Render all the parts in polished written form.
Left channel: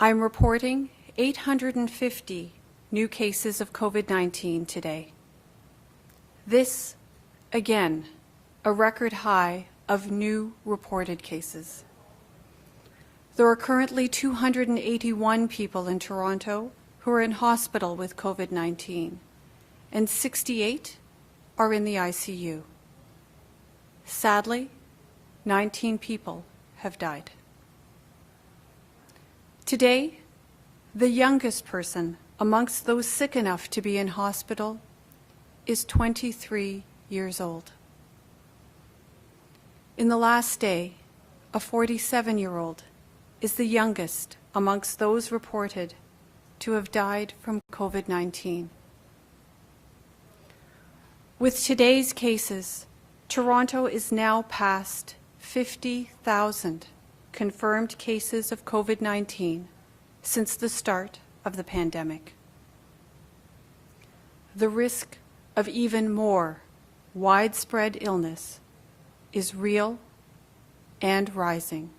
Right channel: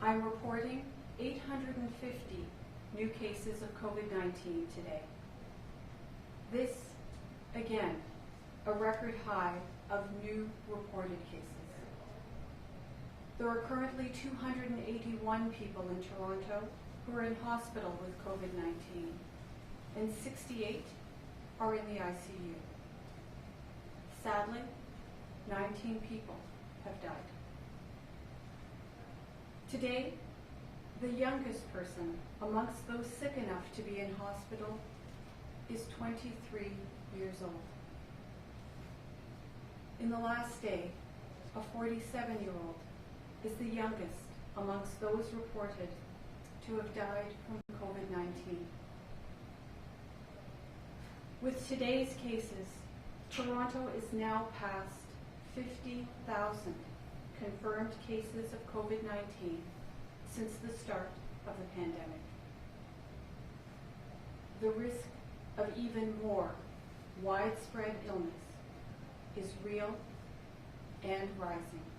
I'm reporting 850 new cases of COVID-19 today. This, again, a record high of new reported cases. There are currently 281 people in Toronto who are in hospital with COVID-19, and 68 are in the ICU. Sadly, 19 people have died. Today, the youngest person amongst those sick enough to be in hospital is 23 years old. In the last day, a 47-year-old is the youngest amongst those reported to have died from COVID-19. With today's cases, Toronto is now past 50,000 confirmed cases of COVID-19 since the start of the pandemic. The risk of even more widespread illness is real and rising.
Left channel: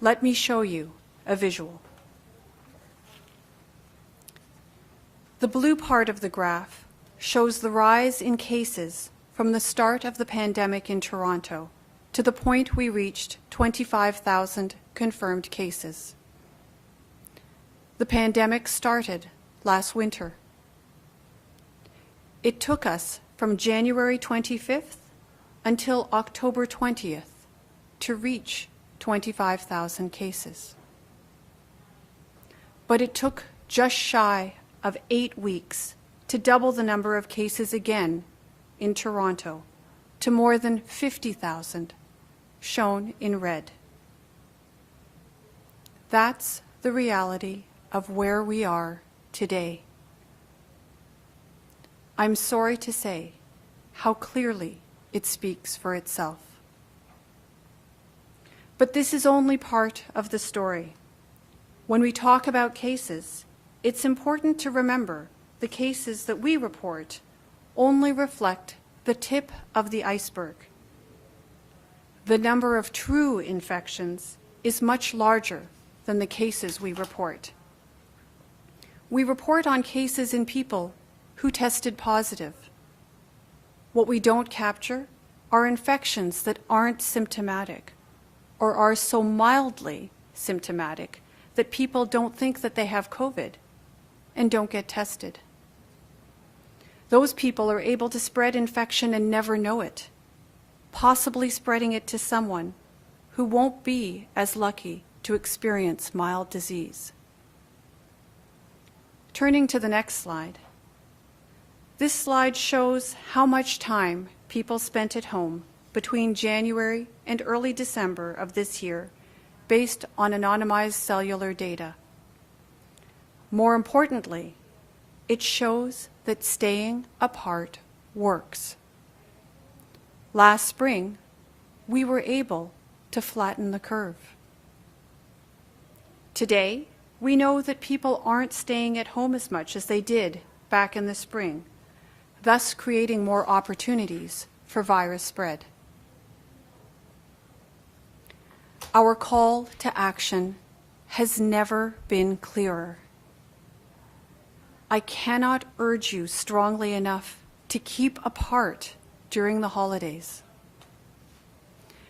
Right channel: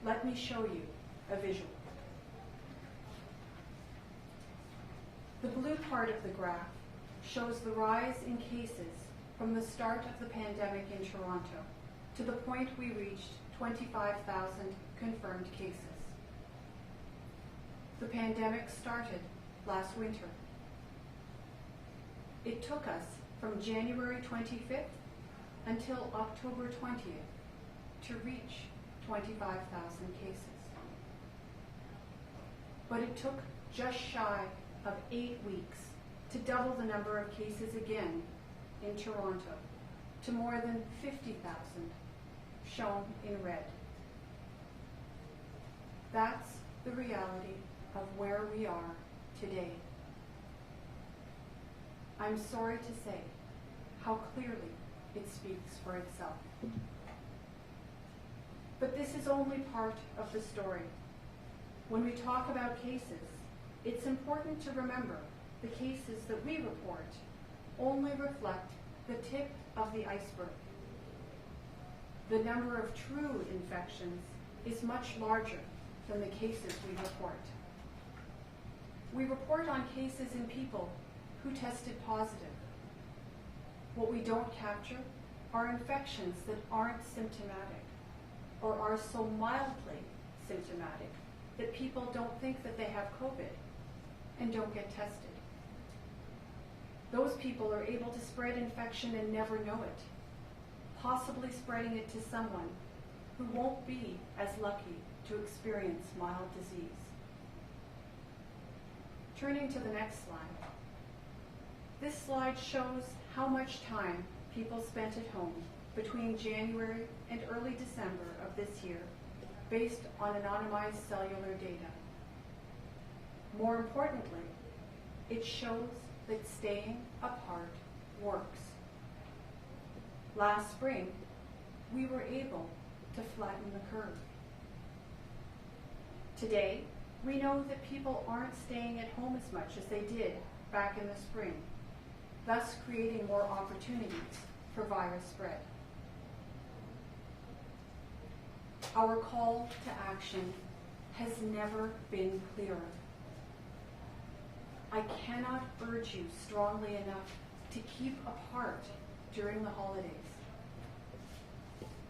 Let me show you a visual. The blue part of the graph shows the rise in cases from the start of the pandemic in Toronto to the point we reached 25,000 confirmed cases. The pandemic started last winter. It took us from January 25th until October 20th to reach 25,000 cases. But it took just shy of 8 weeks to double the number of cases again in Toronto to more than 50,000, shown in red. That's the reality of where we are today. I'm sorry to say how clearly it speaks for itself. But this is only part of the story. When we talk about cases, it's important to remember the cases that we report only reflect the tip of the iceberg. The number of true infections is much larger than the cases we report. We report on cases in people who tested positive. What we don't capture are infections that aren't symptomatic or are so mildly symptomatic that people don't think that they have COVID and don't get tested. Those people are able to spread infection and never know it, possibly spreading it to someone who won't be as lucky to experience mild disease. Turning to the next slide. This slide shows how much time people spent at home between January and early December of this year based on anonymized cellular data. More importantly, it shows that staying apart works. Last spring, we were able to flatten the curve. Today, we know that people aren't staying at home as much as they did back in the spring, thus creating more opportunities for virus spread. Our call to action has never been clearer. I cannot urge you strongly enough to keep apart during the holidays.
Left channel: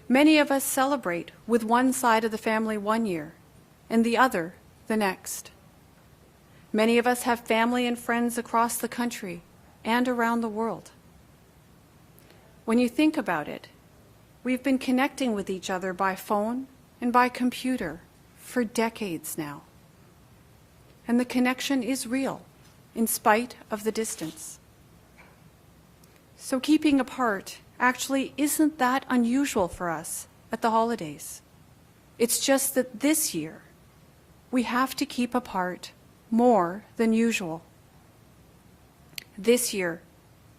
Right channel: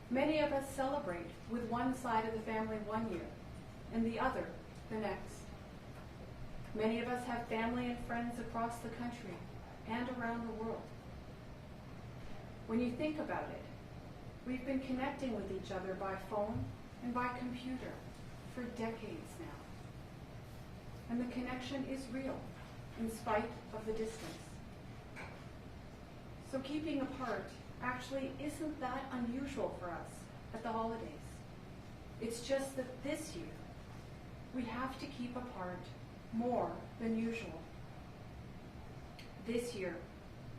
Many of us celebrate with one side of the family one year and the other the next. Many of us have family and friends across the country and around the world. When you think about it, we've been connecting with each other by phone and by computer for decades now. And the connection is real, in spite of the distance. So keeping apart actually isn't that unusual for us at the holidays. It's just that this year, we have to keep apart more than usual. This year,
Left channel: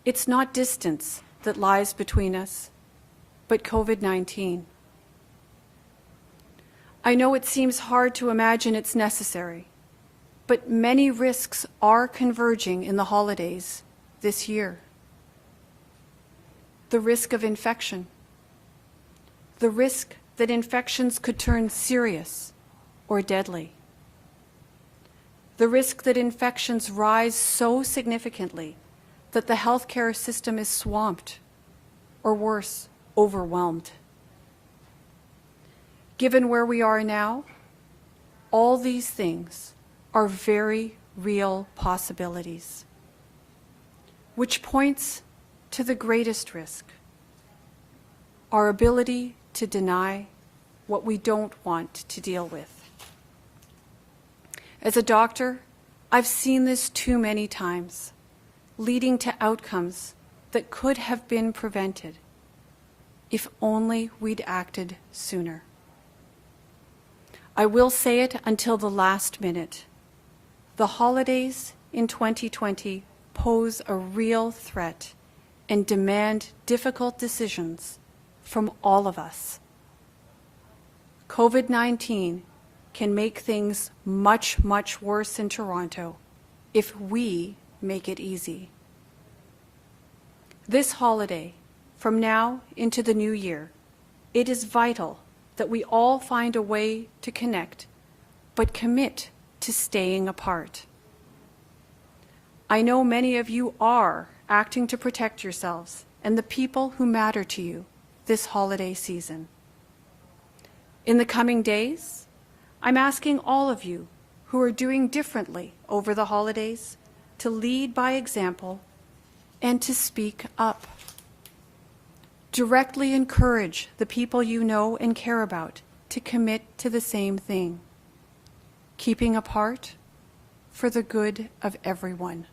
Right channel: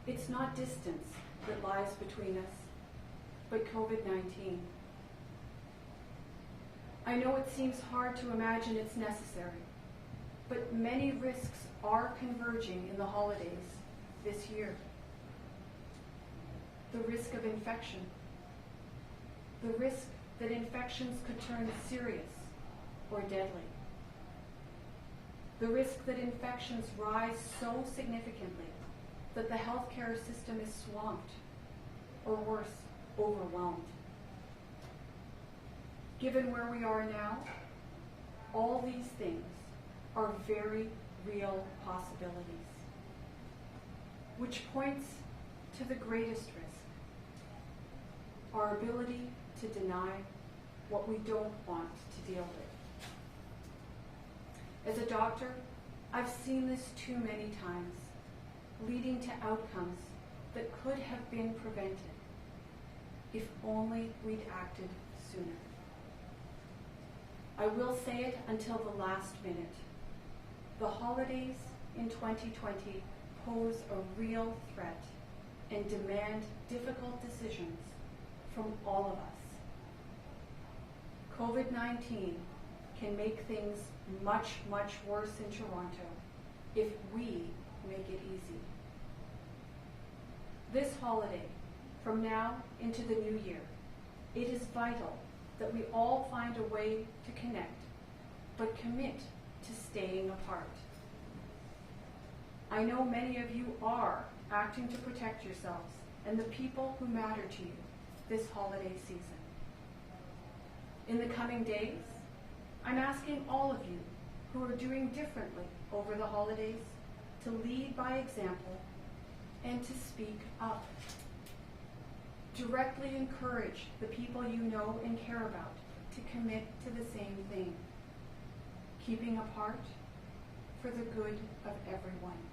it's not distance that lies between us, but COVID-19. I know it seems hard to imagine it's necessary, but many risks are converging in the holidays this year. The risk of infection, the risk that infections could turn serious, or deadly. The risk that infections rise so significantly that the healthcare system is swamped, or worse, overwhelmed. Given where we are now, all these things are very real possibilities, which points to the greatest risk, our ability to deny what we don't want to deal with. As a doctor, I've seen this too many times, leading to outcomes that could have been prevented if only we'd acted sooner. I will say it until the last minute. The holidays in 2020 pose a real threat and demand difficult decisions from all of us. COVID-19 can make things much, much worse in Toronto if we make it easy. This holiday, from now into the new year, it is vital that we all find a way to connect, but commit to staying apart. I know many of you are acting to protect yourselves and the people who matter to you this holiday season. In the coming days, I'm asking all of you who are doing differently over the holidays to lead by example and to speak up. Directly encourage the people you know and care about to commit to the same thing, keeping apart for the good of everyone.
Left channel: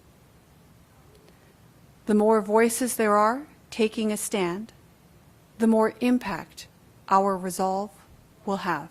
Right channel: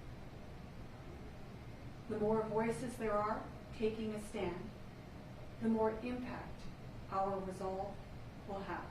The more voices there are taking a stand, the more impact our resolve will have.